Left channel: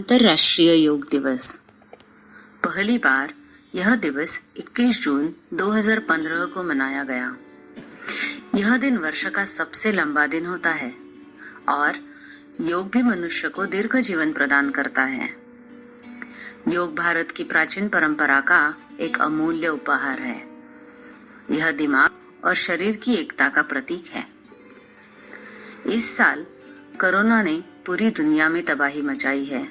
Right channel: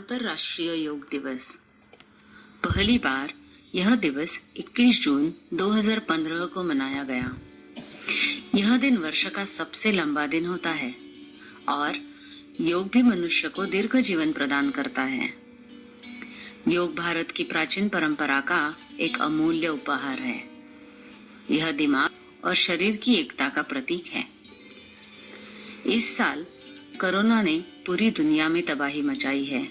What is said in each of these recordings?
अंतर्राष्ट्रीय योग दिवस। पहली बार यह दिवस 21 जून 2015 को मनाया गया। यह दिन वर्ष का सबसे लंबा दिन होता है और योग भी मनुष्य को दीर्घ जीवन प्रदान करता है। योग भारत की प्राचीन परंपरा का एक अमूल्य उपहार है। यह दिमाग और शरीर की एकता का प्रतीक है। इस साल कोरोना ने पूरी दुनिया में तबाही मचाई है,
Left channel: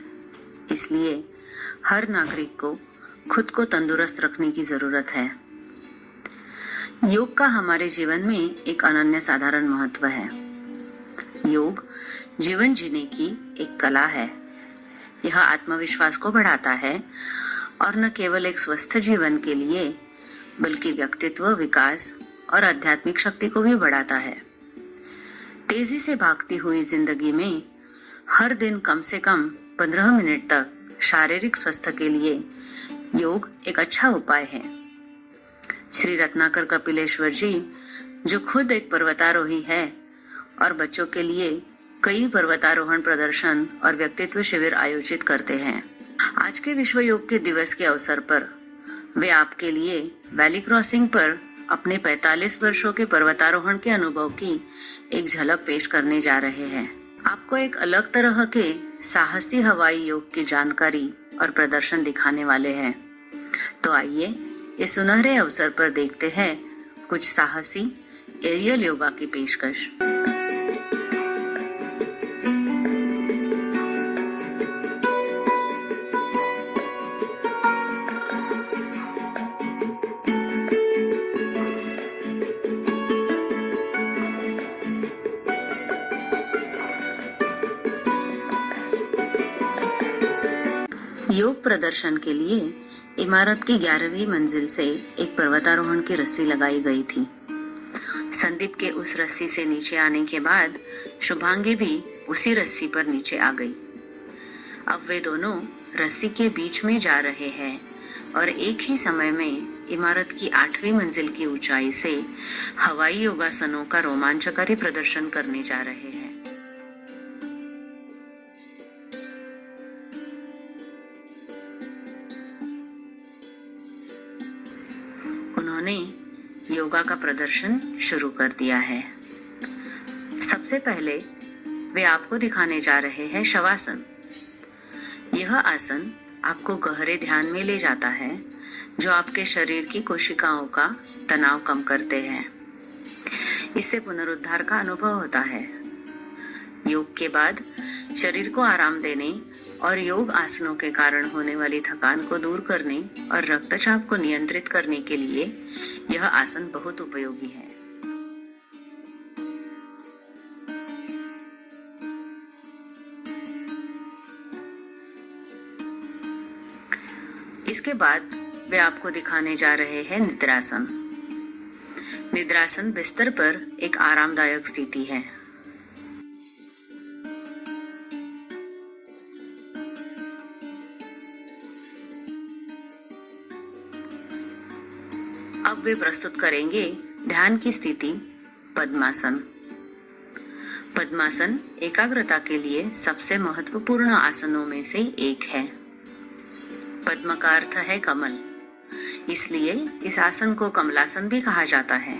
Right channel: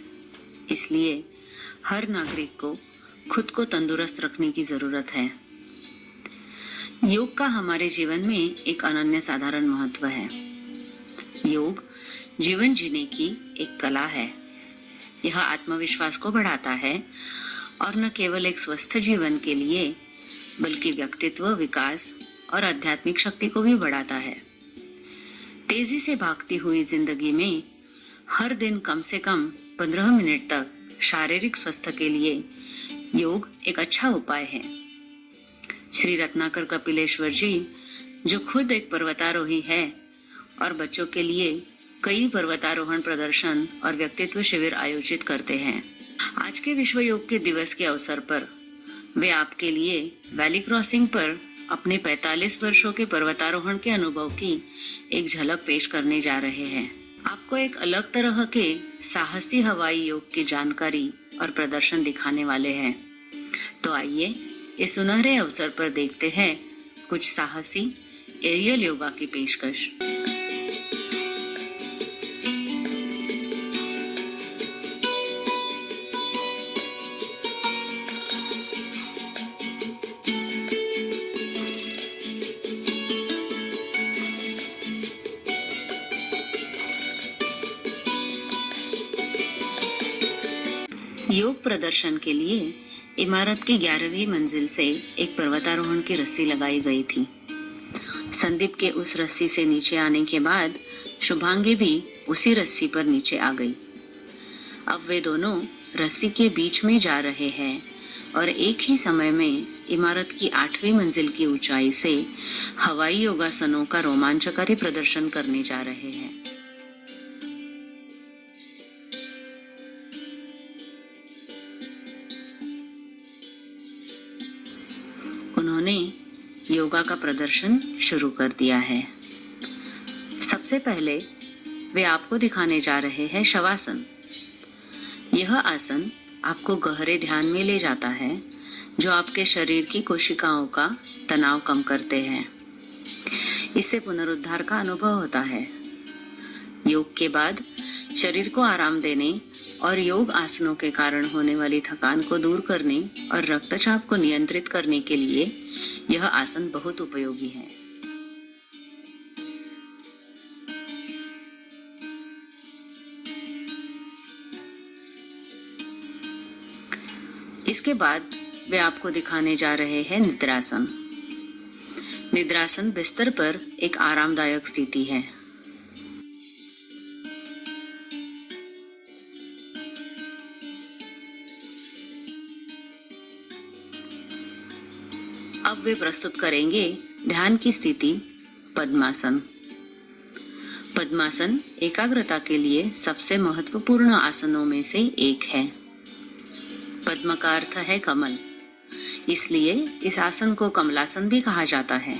इसलिए हर नागरिक को खुद को तंदुरुस्त रखने की जरूरत है। योग का हमारे जीवन में एक अनन्य साधारण महत्व है। योग जीवन जीने की एक कला है। यह आत्मविश्वास को बढ़ाता है और न केवल एक स्वस्थ जीवन के लिए बल्कि व्यक्तित्व विकास और आध्यात्मिक शक्ति को भी बढ़ाता है। तेजी से भागती हुई जिंदगी में हर दिन कम से कम 15 मिनट तक शारीरिक स्वास्थ्य के लिए योग एक अच्छा उपाय है। श्री रत्नाकर कपिलेश्वर जी, जो खुद एक पर्वतारोही है और बच्चों के लिए कई पर्वतारोहण प्रदर्शन और व्यक्तित्व शिविर आयोजित करते हैं, आज के विश्व योग के दिवस के अवसर पर वे आपके लिए वैली क्रॉसिंग पर अपने 45 वर्षों के पर्वतारोहण के अनुभव की एक झलक पेश करने जा रहे हैं। आपको एक अलग तरह के साहसी हवाई योग की जानकारी और प्रदर्शन दिखाने वाले हैं। तो आइए इस सुनहरे अवसर पर देखते हैं कुछ साहसी एरियल योगा की पेशकश। योग प्रदर्शन के लिए इमारत की 11वीं मंजिल से एक पर्वतारोहण की रस्सी लगाई गई थी। संदीप के उस रस्सी से नीचे आने के बाद शुभांगी भी उसी रस्सी पर नीचे आ गई। अब वे दोनों रस्सी के बीच में जा रहे हैं और एक ही समय में इमारत की 8वीं मंजिल की ऊंचाई से हवाई योगासनों का रोमांचकारी प्रदर्शन करने जा रहे हैं। उन्होंने योगा का प्रदर्शन शुरू कर दिया है। सबसे पहले वे आपको दिखाने जा रहे हैं शवासन। यह आसन आपको गहरे ध्यान में ले जाता है, जो आपके शरीर की कोशिकाओं का तनाव कम करते हैं। इससे पुनरुद्धार का अनुभव होता है। योग के बाद शरीर को आराम देने और योग आसनों के कारण होने वाली थकान को दूर करने और रक्तचाप को नियंत्रित करने के लिए यह आसन बहुत उपयोगी है। इसके बाद वे आपको दिखाने जा रहे हैं निद्रासन। निद्रासन बिस्तर पर एक आरामदायक स्थिति है। अब वे प्रस्तुत करेंगे ध्यान की स्थिति पद्मासन। पद्मासन एकाग्रता के लिए सबसे महत्वपूर्ण आसनों में से एक है। पद्म का अर्थ है कमल, इसलिए इस आसन को कमलासन भी कहा जाता है।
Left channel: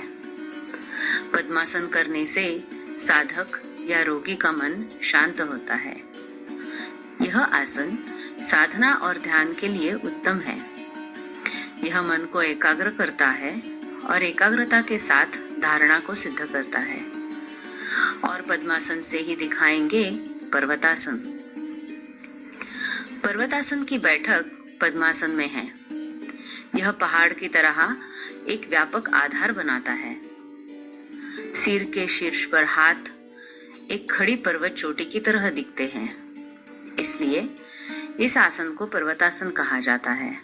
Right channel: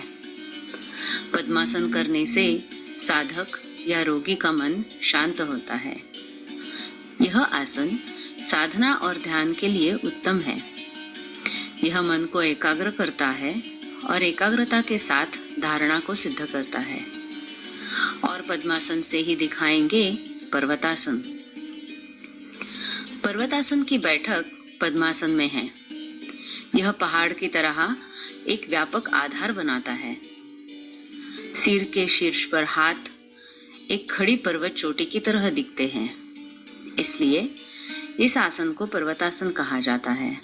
पद्मासन करने से साधक या रोगी का मन शांत होता है। यह आसन साधना और ध्यान के लिए उत्तम है। यह मन को एकाग्र करता है और एकाग्रता के साथ धारणा को सिद्ध करता है। और पद्मासन से ही दिखाएंगे पर्वतासन। पर्वतासन की बैठक पद्मासन में है। यह पहाड़ की तरह एक व्यापक आधार बनाता है। सिर के शीर्ष पर हाथ एक खड़ी पर्वत चोटी की तरह दिखते हैं, इसलिए इस आसन को पर्वतासन कहा जाता है।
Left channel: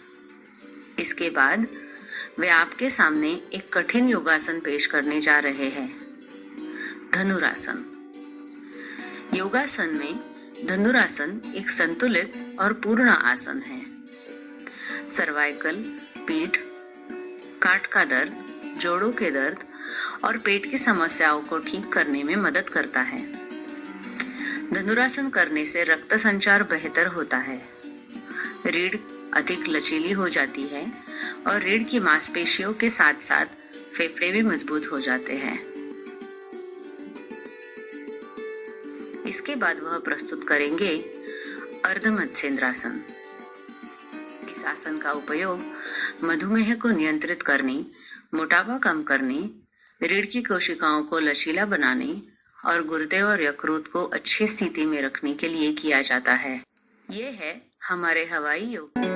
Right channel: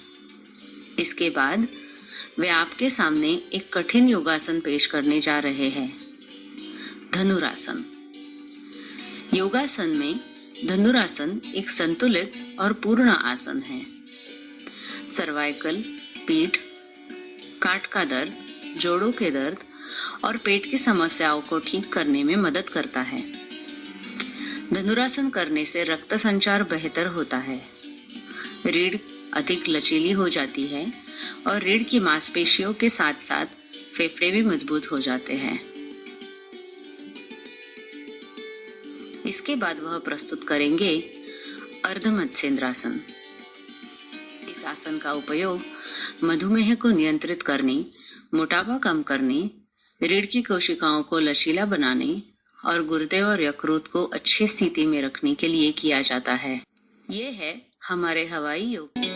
इसके बाद वे आपके सामने एक कठिन योगासन पेश करने जा रहे हैं, धनुरासन। योगासन में धनुरासन एक संतुलित और पूर्ण आसन है। सर्वाइकल, पीठ, काट का दर्द, जोड़ों के दर्द और पेट की समस्याओं को ठीक करने में मदद करता है। धनुरासन करने से रक्त संचार बेहतर होता है, रीढ़ अधिक लचीली हो जाती है और रीढ़ की मांसपेशियों के साथ साथ फेफड़े भी मजबूत हो जाते हैं। इसके बाद वह प्रस्तुत करेंगे अर्ध मत्स्येंद्रासन। इस आसन का उपयोग मधुमेह को नियंत्रित करने, मोटापा कम करने, रीढ़ की कोशिकाओं को लचीला बनाने और गुर्दे और यकृत को अच्छी स्थिति में रखने के लिए किया जाता है। ये है हमारे हवाई योग।